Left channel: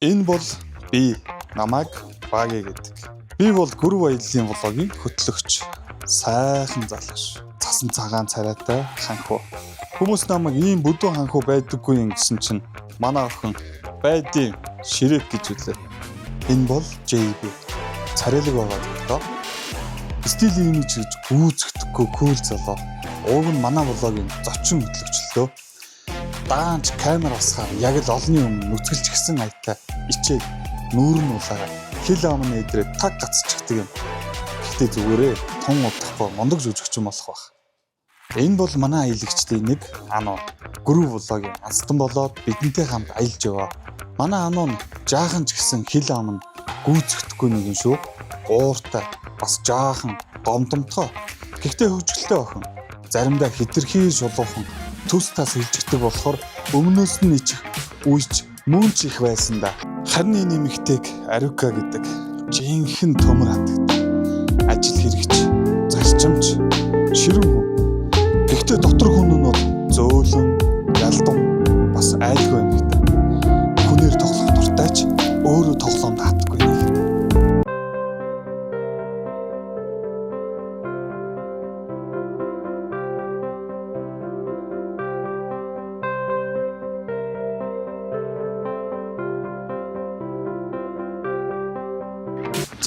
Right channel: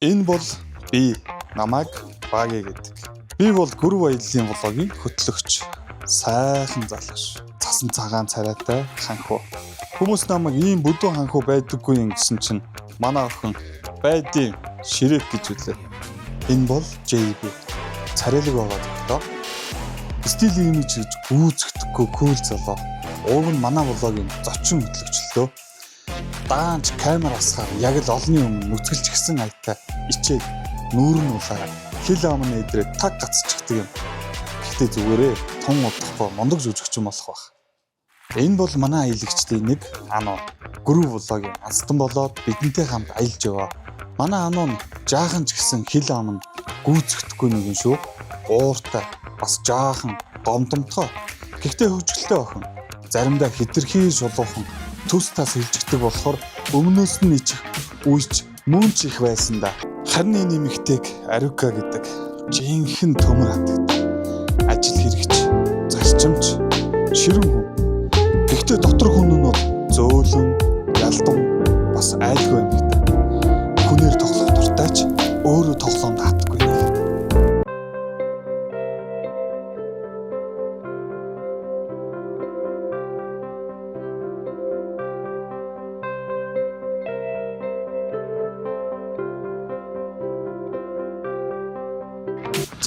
Энэ бол би намайг Баги гэдэг. Би бол гүрв баялын влогийн хөтлөгч. Сайхан залгаш. Цасан цагаан царайтай ханхуу. Хүмүүс намайг ийм бүдүүн ханхуу байдаггүй юм гэсэн чинь манай охин байдیں۔ Ширээг гэж үлээ. Энэ бол JB. Царайлаг байгаа доо. Стил имиж гэж гүйцэхдэггүй кул залуу. Ууг нь манай влогийн зочин хөтлөгчлөө. Даанч камер асгаар яг л олонний өмнө нүцгэлж гисэн айтай ичээд нүүр нь улаа хил амны эдрээ таг гацчихдаг юм. Гэхдээ зүгээрээ тун удахгүй мундаг жүжигч юм болох байх. Энэ бол манай аялагчдын нэг ануу. Гүрв влогийн анстан болоод бидэнтэй хамт аялж яваа. Манай ануу нь жаахан ч гэсэн хил ам нь гүйцэхдэггүй нэг юм шүү. Ууртай бас жаахан гомдомтой. Гэхдээ хөвжөлтэй охин. Заримдаа хитрхий шулуухан төс тас хилжигдэг болохоор өмнөөс нь ичих үйч мөн ч их байсан да. Харин энэ нэмэгтэйг Арука гэдэг жинхэнэ төмөр хатдаг. Ажил хэрэгч, зарчимч, ширүүн хүн. Гэхдээ дотор хүн нь бол зөөлөн, ялдам, бас айлгүй юм гэдэг. Хүнээр тоглох дуртай ч өөрөө тоглоомд хатдаггүй нэг.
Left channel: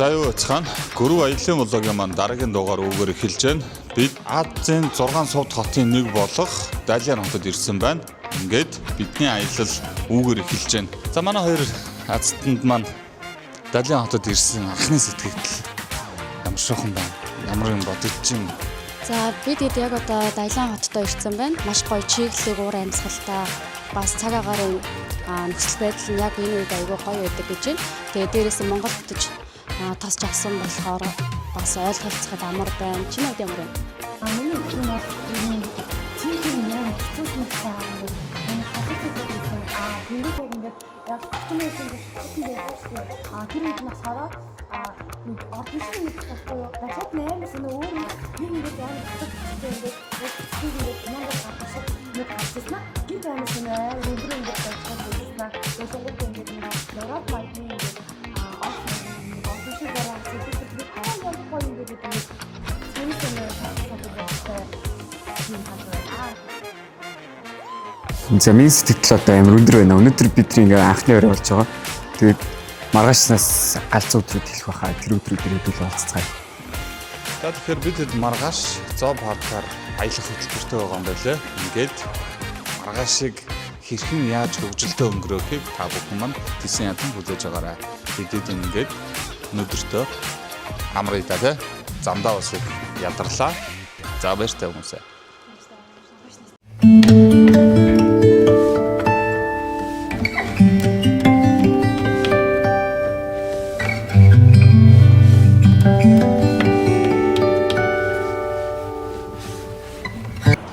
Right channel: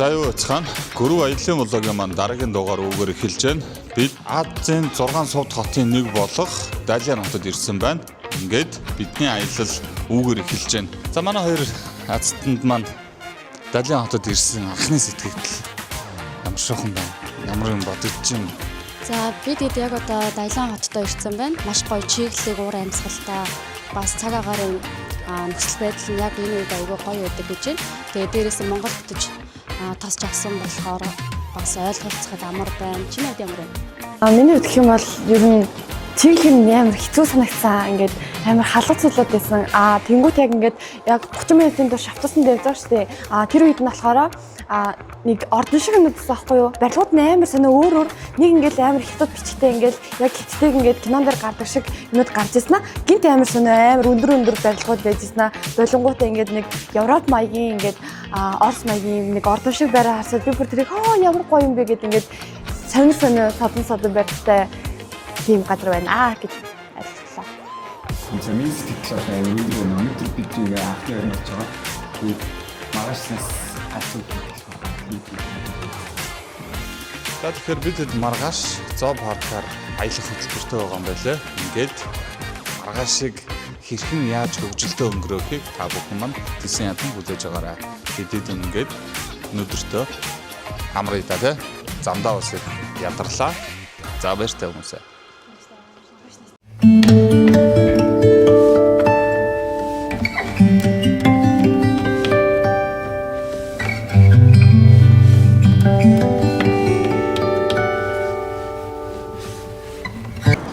За юу цахан гүрв аялын влогийн маань дараагийн дугаар үгээр эхэлж байна. Бид Азийн 6 сувд хотын нэг болох Далиан хотод ирсэн байна. Ингээд бидний аялал үгээр эхэлж байна. За манай хоёр Азтанд маань Далиан хотод ирсэн анхны сэтгэл ямар шохон байна. Ямар юм бодож чинь. За бид яг одоо Далиан хотод ирсэн байна. Маш гоё чиглэлийг уур амьсгалтай бас цаг агарын нөхцөл байдал нь яг энэ үед аягүй гоё байдаг гэж байна. Тэгээ дээрээс нь Монгол хотод тасч авсан болохоор бас ойлголцоход амар байна. Чиний хувьд ямар байна? Миний хувьд гэх юм бол ер нь чиглэл нь амар хэцүү санагцсан. Ингээд амар халуун цөлөөд байсан. Тэнгуут яг ингээд яг 30 минутын турш автобусанд явж байгаа шүү дээ. Тэр үед нь болохоор нэг ордон шиг юм байсан байхгүй юу? Барилгууд нь амар сонио өөр нэг ингээд амар хятад бичгтэй ингээд яг хятадыг ингээд кинонд гардаг шиг юмуд гарч ирсэн аа. Гинт амар сонио амар өндөр барилгууд байж ирсэн аа. Болонгуудаа ингээд нэг Европ маягийн ингээд Орос маягийн нэг ордон шиг байраа харсаад би бүр тэрийг ямар гоё юм бэ гэд ингээд сонио содон барилгатай тийм газар байна гэж ойлгосон. За миний сэтгэл одоо амар өндөр байна. Өнөөдөр бидний ингээ анхны өрөө болж байгаа. Тэгээд маргаашнаас галзуу өдрүүд хэлэх байхаа тэр өдрүүдээр уулзцгаая. За тэгэхээр бид маргааш зоо паркаар аялах хөтөлбөртэй байгаа юм байлээ. Ингээд маргаашиг хэрхэн яаж хөгжилтэй өнгөрөөхийг та бүхэн маань тийсэн ядан үзэж байгаарай. Бидэд ингээд өнөөдөртөө амраа даа замдаа бас ядарлаа. За баяртай хүмүүсээ.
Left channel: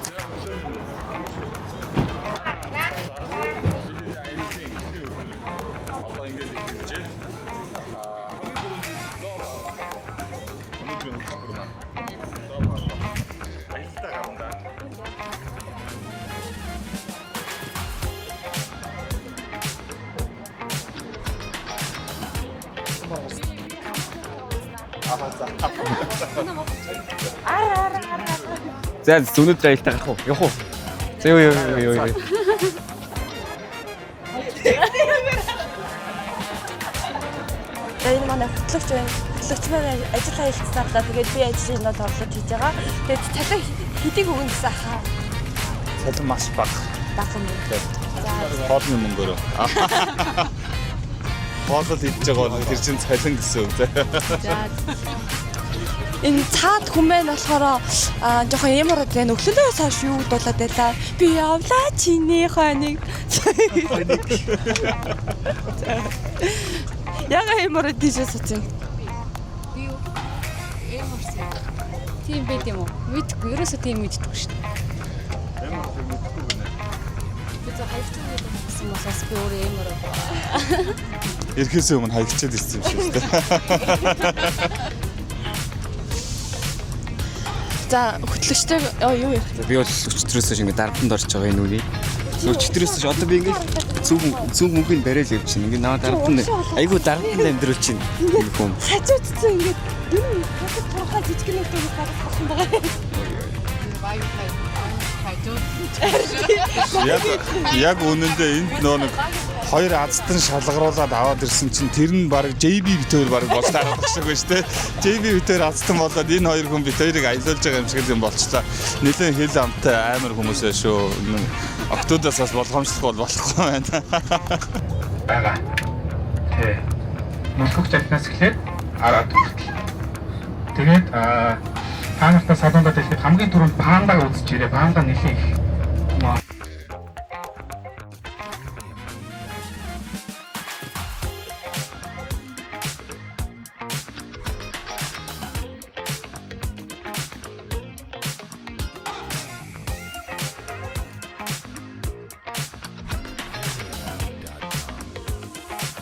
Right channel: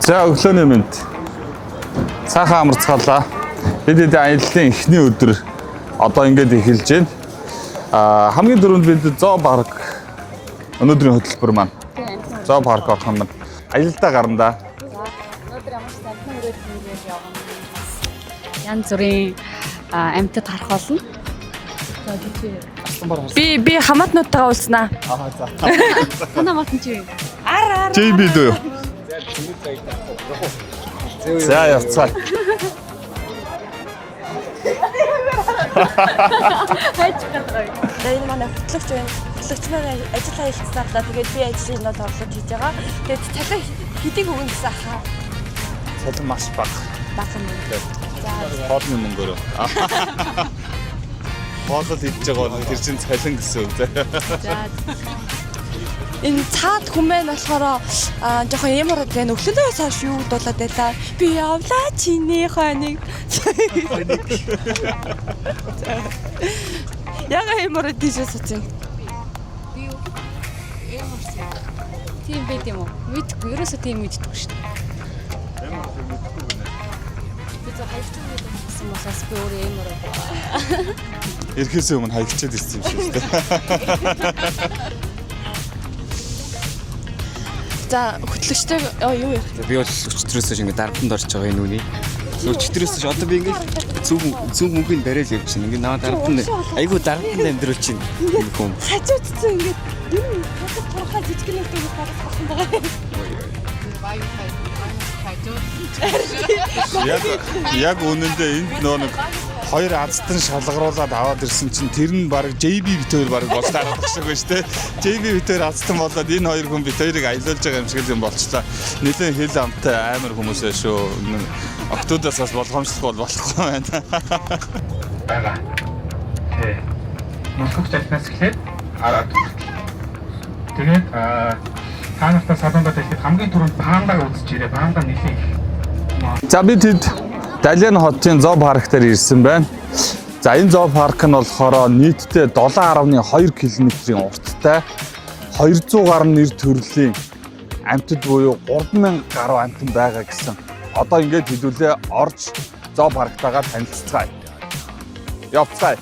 За өглөөний мэнд. Сайхан амарцгаалаа. Бид аяллаа эхний өдөр одоо ингээд эхэлж байна. Хамгийн дөрөнд бид зоо парк өнөөдрийн хөтөлбөр маань. Зоо парк отхон маань аялалдаа гарна. Янз бүрийн амьтад харах болно. Би хамаатнуудтайгаа уулзнаа. Танаа матан чи. JB дөө. За зүүнэд аялалтаа гарах уу? Явах уу? За явцгаа. Энэ манай хөтлөгч байна. Хөтлөгч маань ажил аялцсаалаа. Тэгээд би ажлын нот орлож хийж байгаа. Тэгээд цалин хэдийг өгнө гэсэн ахаа. Цалин маш бага. Бага юм. За Хоолны мөнгөөр. Хоолол идж байгаа бол тэр чинь цалин гэсэн үг. За энэ цаад хүмүүс болохоор жоохон ямар байна. Өглөөлөөс хойш юу дуулаад байлаа. Би явлаа чиний хоног. Яга ямар дижээс үгүй. би юу эмэрсэн. Тийм байд юм уу? Мэдгүй. Ерөөсөө тийм мэддэггүй шүү дээ. Би зөв хайрцаг байсан болохоос би өөрөө эмэр. Ирэхээс өмнө хаягчаад ирсэн юм шүү дээ. За хөтлөгчтэй юу ярих? Би бол өчтөрөөс шиг ингээ дарамтанд орж байгаа энэ үний. Өчтөрөөс ш одоо би ингээ зүг мөнгөнд барайл явчихна. Ингээд наваа дарамтанд айгу дарамтанд амьдрал чинь юм хүм. Хажуудсан ингээд энэ хатас турхаа жижигнүүдээс гарах болсон байгаа. Яг үнэндээ энд нэг хоёр азтан шалгаруулад аваад ирсэн чинь тэр нь баг JB битээр баг болж дараах шиг байна шүү дээ. JB битээр азтан болоод энэ хоёр хүн битээрийг аялуулж байгаа юм шиг юм болчлаа. Нилээн хэл амтай амар хүмүүс ээ шүү. Октоудаас бас болгоомжлох болохгүй байна. Бага. Московч альнаас эхлээд араад. Тэгээд таанахтаа садондод ихэд хамгийн түрүүнд панда үзэж ирээ. Панда нэлээд их. За бид хэд Далиан хотын зоо парк дээр ирсэн байна. За энэ зоо парк нь болохоор нийтдээ 7.2 км-ийн урттай 200 гаруй нэр төрлийн амьтад буюу 3000 гаруй амьтан байгаа гэсэн. Одоо ингээд хэлүүлээ орж зоо парктайгаа танилцгаая. Явцгаая.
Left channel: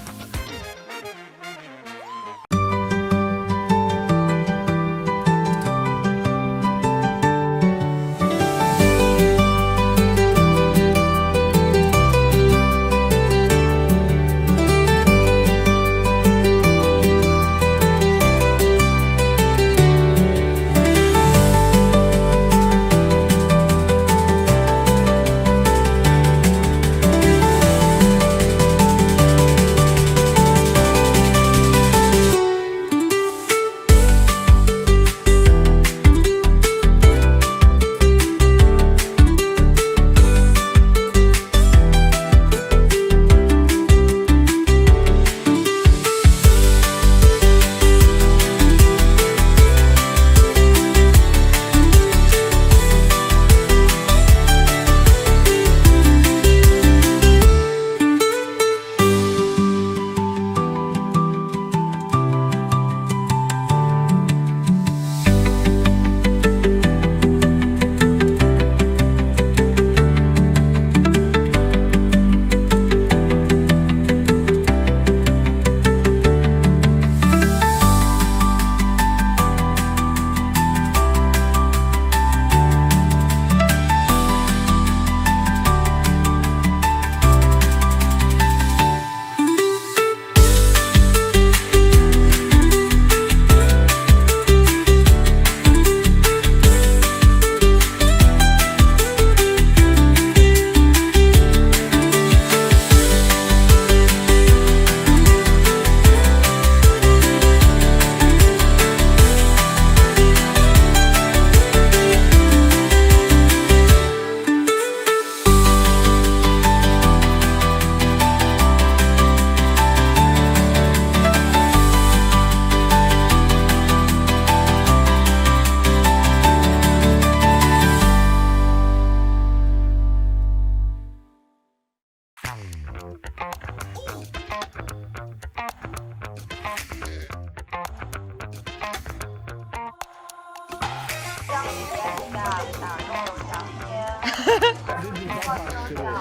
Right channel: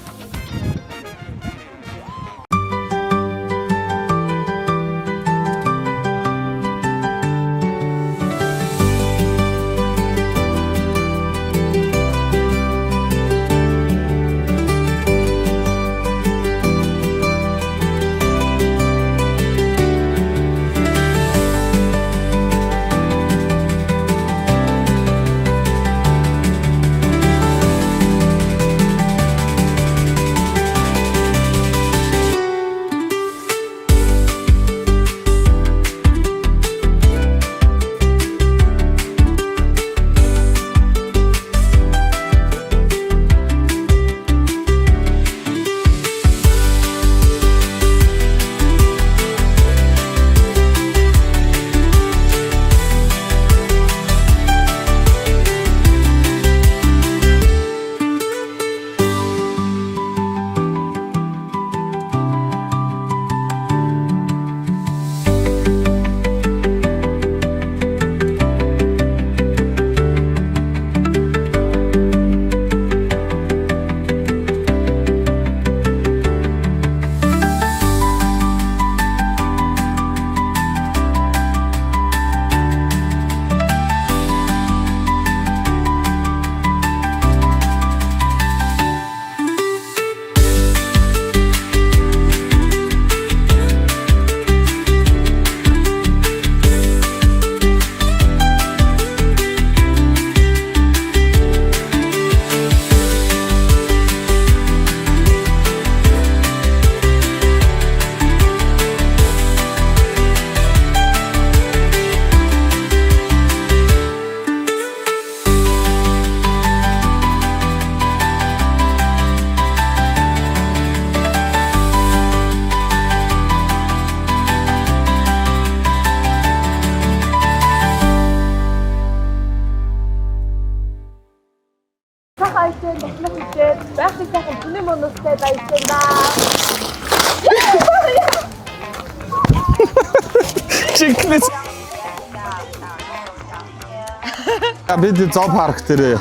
Бид зоо парк дээр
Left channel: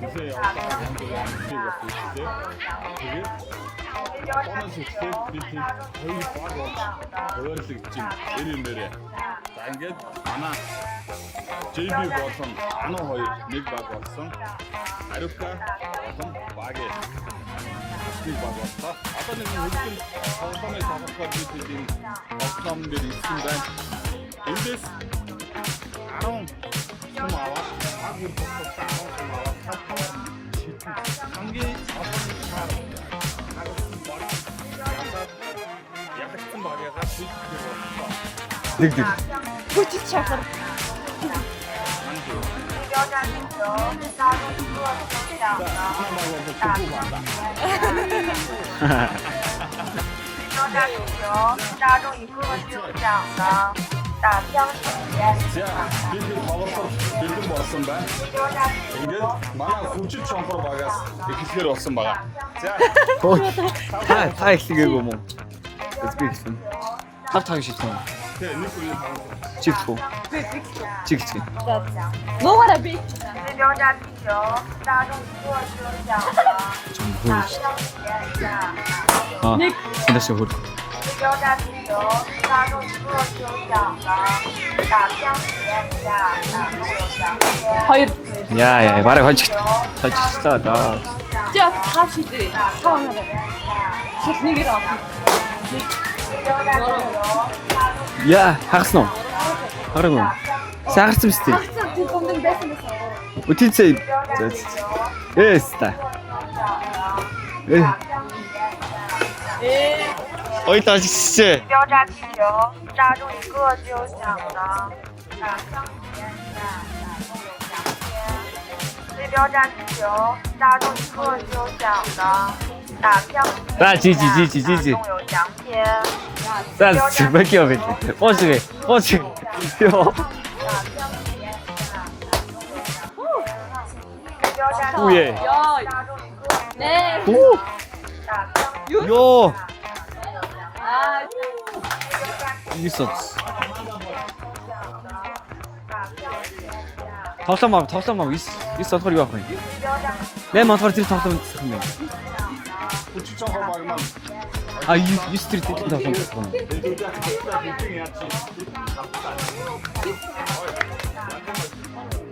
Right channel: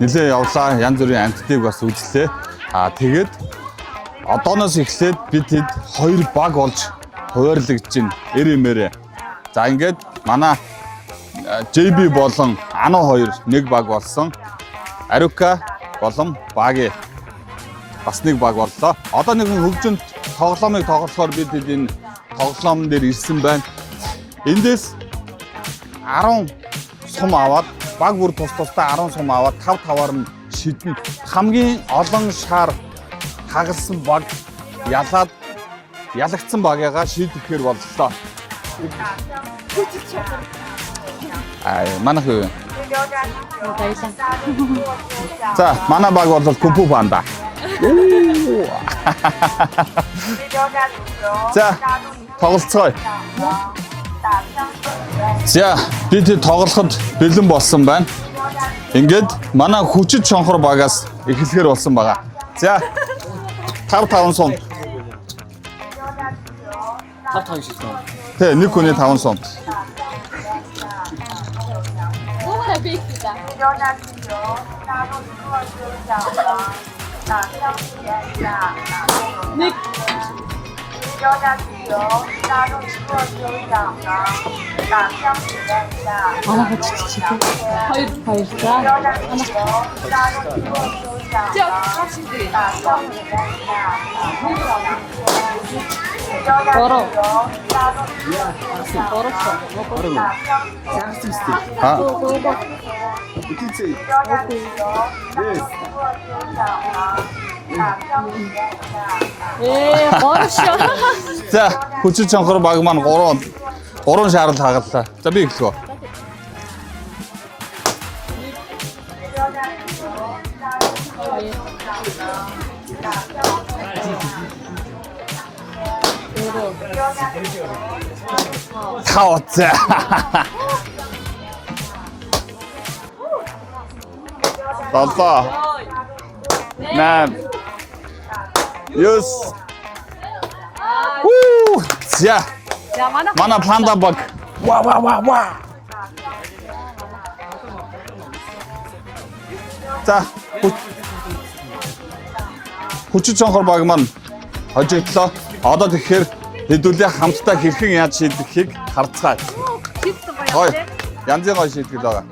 нэлээ явлаа. Янз бүрийн амьтдыг бас үзлээ. Тэгээд одооноос эхлээд бид хэд хоёр баг болж хуваарлагдж байна. Эрэмээрээ. За ингээд манай JB болон Ано хоёр нэг баг болсон. Арука болон Баги бас нэг баг боллоо. Одоо нэгэн хөгжимд тоглоомыг тоглохоор бид энэ тоглоом дээр ирсэн байна. Эндээс 10 сум аваад баг бүр тусдаа 10 сум аваад 5-5-аар нь шидэн хамгийн олон шар хагалсан баг ялагдсан багыгаа шийдэхээр боллоо. Нэг нэг. Хүчит шахар. Манайх юу? За, манай баг бол Купу панда. За, тоглолцгоё. За, бид тоглоход бэлэн болсон байна. Ингээд манай хүчит шонхор багаас эхлэхээр болсон байгаа. За, 5 сум. Эхлэгээгүй юм уу? 5 шийдсэн. Тэ, нэг хүний 5 сум. Чигтгүү. Чигтгүү. Нуураа бийдээ. Нэг дэшгүй. 交价汽油大众做酋长的打香莲的。 Яа, барыг хожигч. Хожигчтой доо. Яа, хагас нь. Харин уу. Сагарсан биз дээ. Аа. Үтийцээ. Эста. Ой таашгүй. За хүчит чонхор баг маань 3 шаарал хагаллаа. За би эхлэв. 标价汽油大众做酋长的打票。 За жи. 有奖品。 За зүбэкё гэж. Оошгүй. Хаа за. Долоо. Наа. Ёс. Уу. За. Манай панда баг. Ва. Тоглоом 9 болохоор юу авах вэ? За 8 болохоор тэр тоглоом хийсэн юм. хүчит чонхор баг маань хожигдлоо. Одоо тэгэхээр хэдүүлээ хамтдаа хэрхэн яаж шийдэхийг харцгаая. Хой. Янзын гой шийтгэл байгаа.